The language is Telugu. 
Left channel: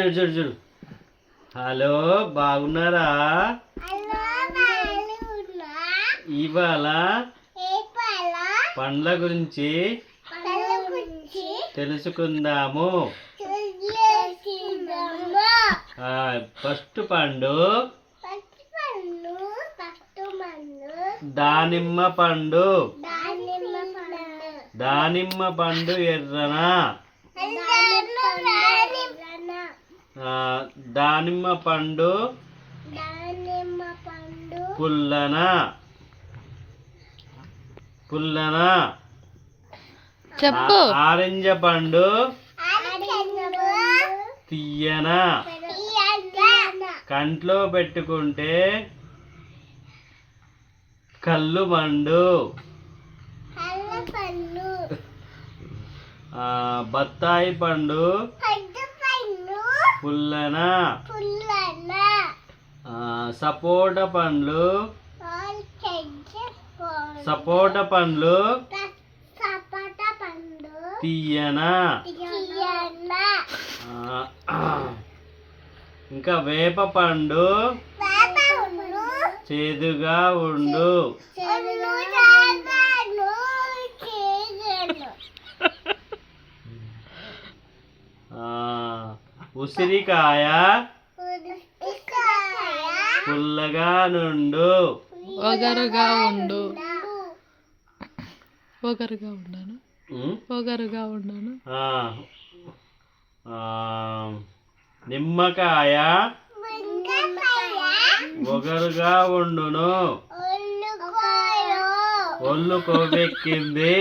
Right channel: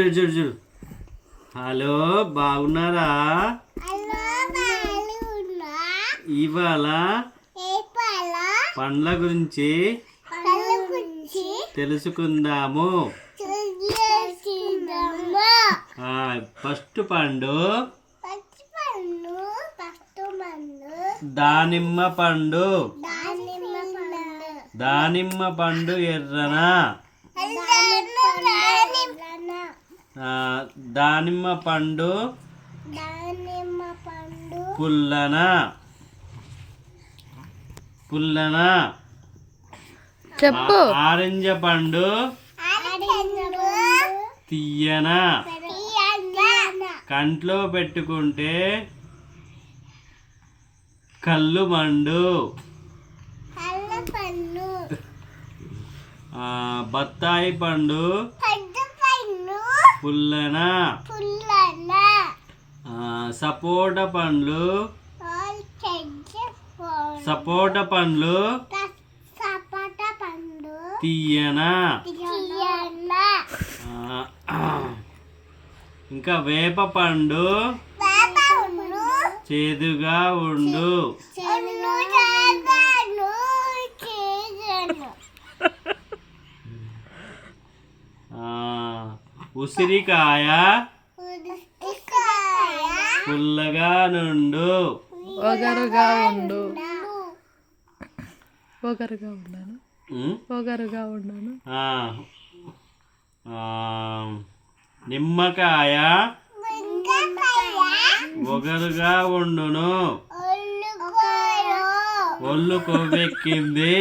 చూడు చూడు. హలో, బాగున్నారా? ఇవాళ పండ్ల గురించి తెలుసుకుందాము. ఫస్ట్ పండు దానిమ్మ పండు. దానిమ్మ పండు ఎర్రన, దానిమ్మ పండు పుల్లన. పుల్లన. చెప్పు. ఆరెంజ పండు తీయన. కంట్లో పెట్టుకుంటే కళ్ళు మండు. బత్తాయి పండు పుల్లన. సపోట పండ్లు తీయన. ఇంకా వేప పండు చేదుగా ఉండు. ఉసిరికాయ పుల్లగా నుండు. ఒగరుగా ఉండు. ఒగరుగా ఉన్నాను. ఒగరుగా ఉన్నాను. నిమ్మకాయ ఒగరుగా ఉండును. ఒళ్ళు కొవ్వెక్కింది.